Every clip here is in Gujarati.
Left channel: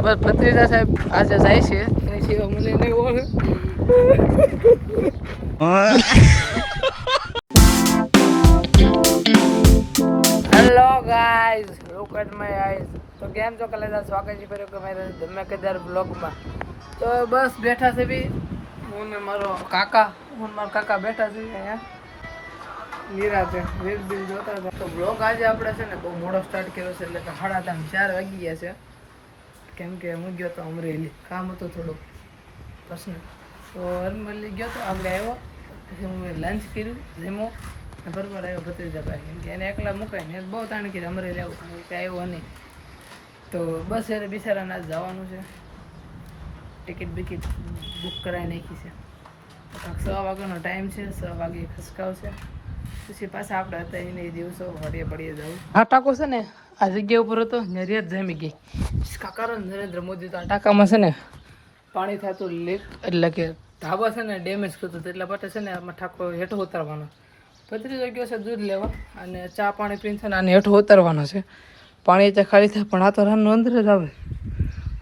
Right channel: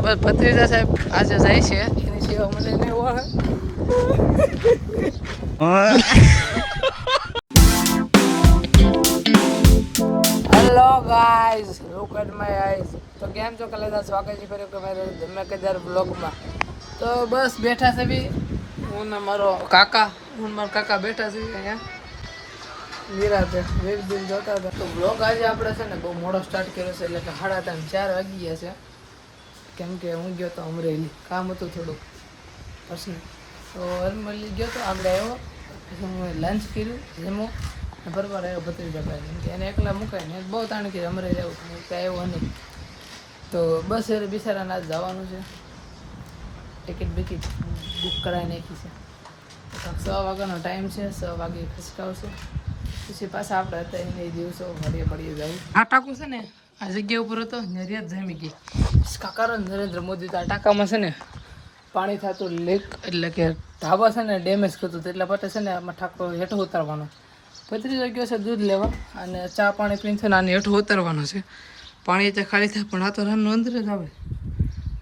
બસ ભત્રીજા સાહેબ આજે જાય છે મને નહીં ઓળખે. Hello guys, look at my eyes. તો કેમ છો કલેજા, સ્વાગત છે ફરી કે મારા ધમાકેદાર બ્લોગમાં. તો બસ બેઠા છે બી હું ને મારો કાકા બેઠા છે અહીંયા નિરાતે વેબ દિલ જોતા હતા. તો બ્લોગ આજે આપણે છે ને બહુ મોડો સ્ટાર્ટ કર્યો છે, એટલે કે 3:30-4 વાગી ગયા છે. કેમ કે હું ગયો તો અમરેલી, કામ હતું થોડુંક પર્સનલ. તો અમરેલી ગયો તો આગળ આવ્યો, પછી હું લંચ કર્યું, જમો ને બરાબર આવ્યો ભત્રીજા ભાઈ. કેમ કે એને એકલા મુકાય ને બહુ તાણ કરી અમરેલી આવ્યું પણ ત્યાં આવ્યો નહીં. તો બસ એ બિચારાને આજ જવાનું છે, ટિકિટ બિકિટ બુક કરાવી નાખી છે. તો 6 વાગ્યાનો ટાઈમ છે, 6 વાગે ખસકાવશે. પછી પાછા આપણે હતા એને દિવસો વળીએ જવું. આ ટાંકો છે ને આ જગ્યા ઉપર હતો, નરિયાદ જામી ગઈ. કાકારો નરેન્દ્ર મોદી તો આ ટાંકામાં છે ને પાણી થતું લીક, એટલે કે ઢાબા છે ને ડેમેજ કરતું હતું, એટલા માટે છે ને આમાં ટાંકો હેઠો ઉતારવાનો. ભત્રીજો ગયો છે દૂધ લેવા અને ચા પાણી પીને છે ને આને હેઠો ઉતારવાનો છે. પાણી ત્યાં ખાલી થાય પણ આ તો રાનનું અંદર જ આવે,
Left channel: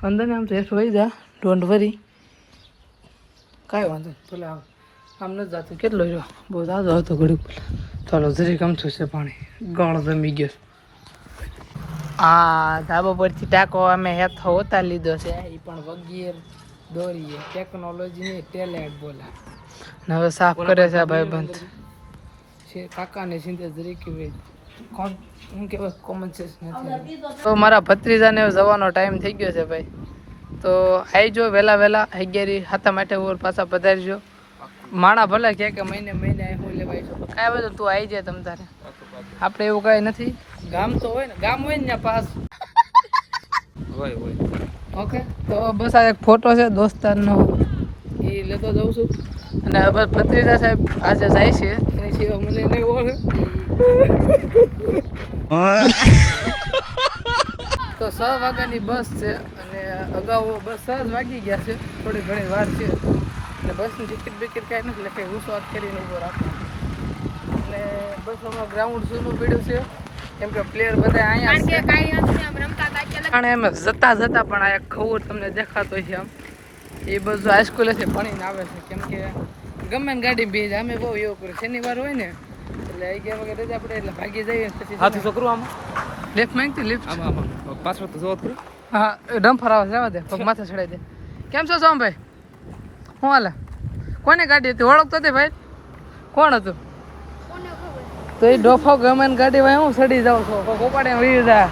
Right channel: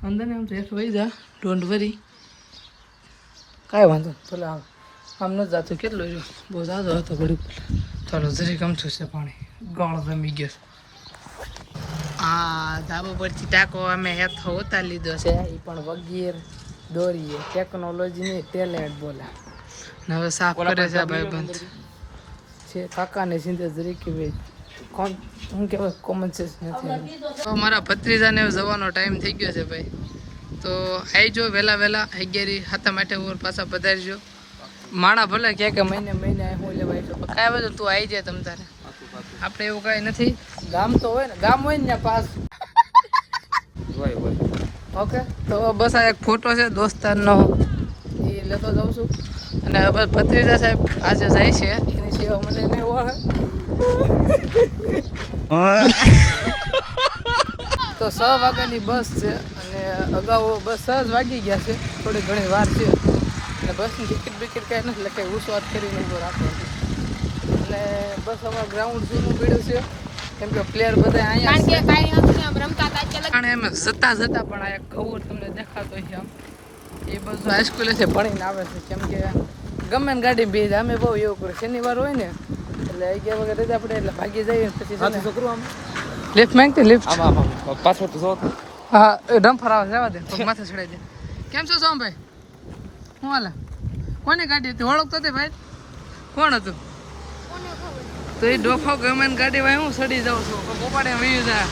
અંદર ને આમ તો હેઠો વહી જા, ડોન્ટ વરી, કાંઈ વાંધો ભલે આવે. આમ નથી જતું, કેટલો જો બહુ જાજો હતો ઘડીક. ચાલો જરીક અમથું છે પાણી, ગળ જમી ગયો. આ ધાબા પરથી ટાંકો અમે હેઠો ઉતારી લીધો છે, એ પણ વગેર દોરીએ ટેકનોલોજીની ટેલેન્ટ બોલે. ને હવે સાફ કરે છે ભાઈબંધ છે કાકાને સિંધે જરીક ભાઈ કોણ શું કહેવાય, કોમન સેન્સ નથી. તો મારા ભત્રીજાને જવાનો ટાઈમ થઈ ગયો છે ભાઈ. તો આવજો વહેલા 11 માટે ઓર પાછા પધારજો. માણા ભલે કે મહિને હું લેવાય છું, કાંઈ બધું તું આવી જાય તમ તારે, આપણે એવું કાંઈ નથી. ગામ તો હોય ને, ગામ હોય ને ત્યાં પાસ હોય. ઓકે, તો બસ આ એક ફોટો છે દોસ્તારનો, એ લેતો જાઉં છું. અને બસ ભત્રીજા સાહેબ આજે જાય છે મને નહીં ઓળખે. તો 6 વાગ્યાની બસ છે અને અગાઉ બસ 6 વાગી ગયા છે, થોડી ઘણી વાર છે. અને બસની ટિકિટ બિકિટ કાંઈ નથી, એટલે કંઈ ઉસવાટ કરીને ઊભો રાખવાનો. અને બસ અમારા ગ્રાઉન્ડ જૂનું પીડ્યું છે, કેમ કે પ્લેયર બધા અહીંયા છે. અને એમ જતા પણ આ ખબર તમને દેખાતો છે આમ, એ બધું હાઈસ્કૂલે છે ભણીને આવે છે. કેમ કે ગમે ને ગાડી બે અમે બહુ એવું કર્યું, શનિવાર હોય ને એટલે 11 વાગે રજા પડે એટલે ભાગી જઈએ. પછી લિફ્ટ માંગતી લિફ્ટ પાછો તો હા ડમ્ફર આવે જવા દે, પગ માથે ચડાવી દે. કેમ છો સોમભાઈ, શું હાલે? કોની ગાડી હતી ઓળખતો હતી ભાઈ? કોણ હતું? તો એ ડોફો ગમે ને ગાડી ભાઈ હું સડી જાઉં છું, પોપાડે વી જા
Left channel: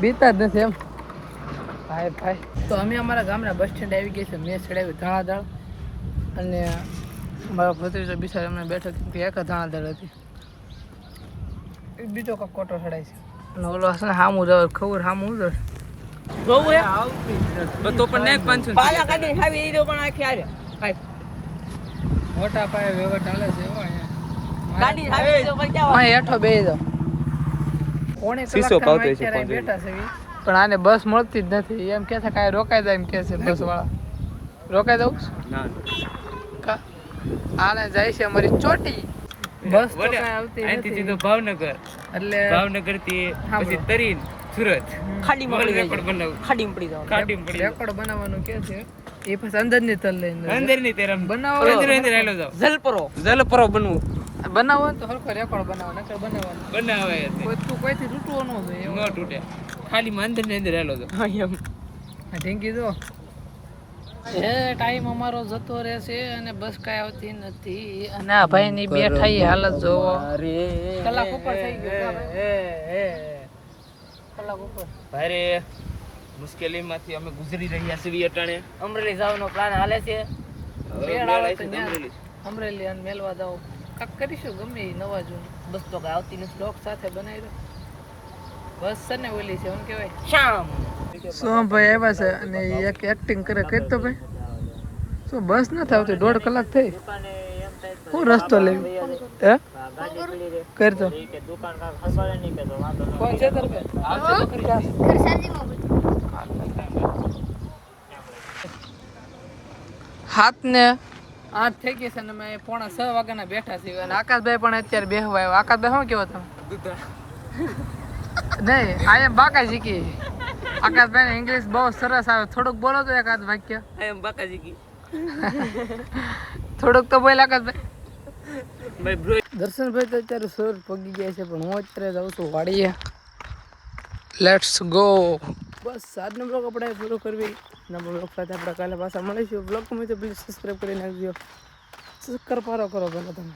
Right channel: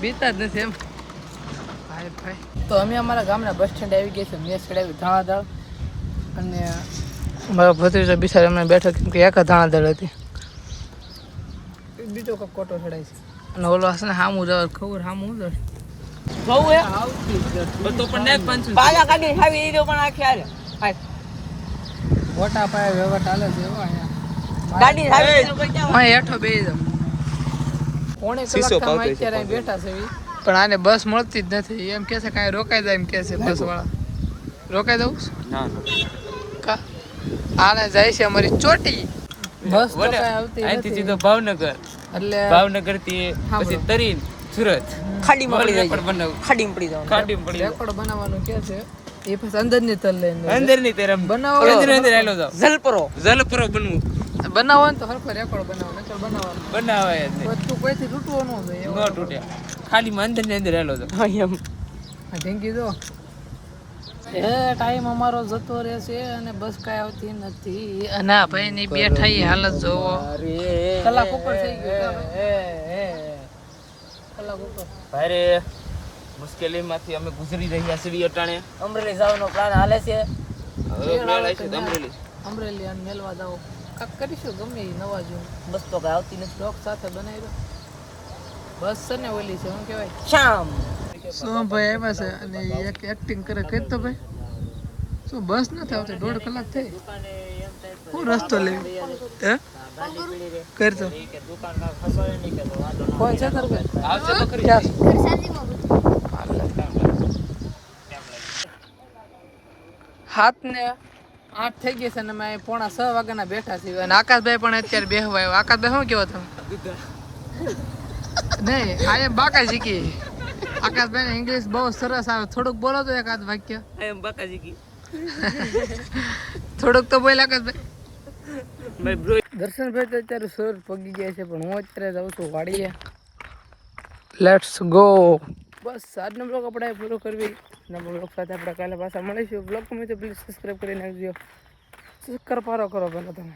બીતા જ નથી એમ ભાઈ. તો અમે અમારા ગામના બસ સ્ટેન્ડ આવી ગયા છે, મેં ચડાવી ધાણાદાળ અને મારો ભત્રીજો બિચાર એમને બેઠો, કેમ કે એક ધાણાદાળ હતી, બીજો કાંક કોટો ચડાય છે. અને ઓલો હશે ને હામું જવા ખબર હામું જ મોટા પાયે વ્યવહાર ચાલે છે અહીંયા હેઠો બે જાવ. 1.5 કલાકમાં અત્યારે અહીં બેઠા છે, પણ આને બસ મળતી જ નથી. એમ કે છે કાંઈ રોકાઈ જાય, એમ કે છે બસ વાળા. રોકાઈ દઉં કા આને જાય છે અમારી ચોટી બસ, તો કાંઈ આવતી નથી. ભાવનગર એટલે ભાવનગર થી પછી તરીન સુરત ખાડીમાં પડી રેકોર્ડ બનાવવાનું કે છે. એ પછી અંદરની તલ લઈને અંદરની તરફ બનાવો, અંદર આલો જાવ જલપરો બનવું બનાવો ને તો હરખો રેકોર્ડ બનાવો, નકર બનાવવાનું બનાવે તું કોઈથી તૂટવો ન જોઈએ, ન તૂટે. ખાડીમાં અંદર આલો જાવ. આ ઢીંગી દો એ ટાઈમ અમારો જતો રહેશે અને બસ કાંઈ આવતી નથી. અને આ ભાઈની બેઠાઈ હાલત જોવો, કલાક ઉપર થઈ ગયો, કલાક ઉપર. ભારે મુશ્કેલીમાંથી અમે ગુજરી રહ્યા છીએ. અટાણે અમરેલી જવાનો પ્લાન હાલે છે. અમરેલી અને મેલવા જાવ કાંક કરીશું, ગમે એ નવા જૂન. બસ તો કાંઈ આવતી નથી, લોક સાથે બનાવી દો. બસ છે ને ઓલી છે શું કહેવાય શ્યામ સોમભાઈ આવ્યા છે અને એક એક્ટિંગ કરે કઈ તો ભાઈ. શું બસ નથી આવતી, 1.5 કલાક થઈ. હું રસ્તો લેવી હે કરતો કોણ છે તાર હાથ ને 8 થઈ ગયા છે અને અમે 5:45 વાગ્યાના બેઠા છીએ. અને આકાશભાઈ પણ અત્યારે બેહવા આવ્યો. આકાશભાઈ શું કેવો તમે? નહીં આ બાકા શીખી આકાશભાઈ ઇંગ્લિશ બહુ સરસ આવે, થોડુંક બોલો તો એકાદ વાક્ય. આઈ એમ બાકાજી કી થોડુંક તો બોલ આકાશભાઈ. ભાઈ બ્રો દર્શનભાઈ તો અત્યારે સુર પગી ગયા છે, પણ હું અત્યારે જાઉં છું વાડીએ. Let's go. બસ આજનો બ્લોગ આપણે પૂરો કરવી. નવો બ્લોગ સાથે આપણે કાલે પાછા મળીશું. બ્લોગ ગમે તો પ્લીઝ સબસ્ક્રાઈબ કરી નાખજો. સબસ્ક્રાઈબ કરો પહેલાં તમે.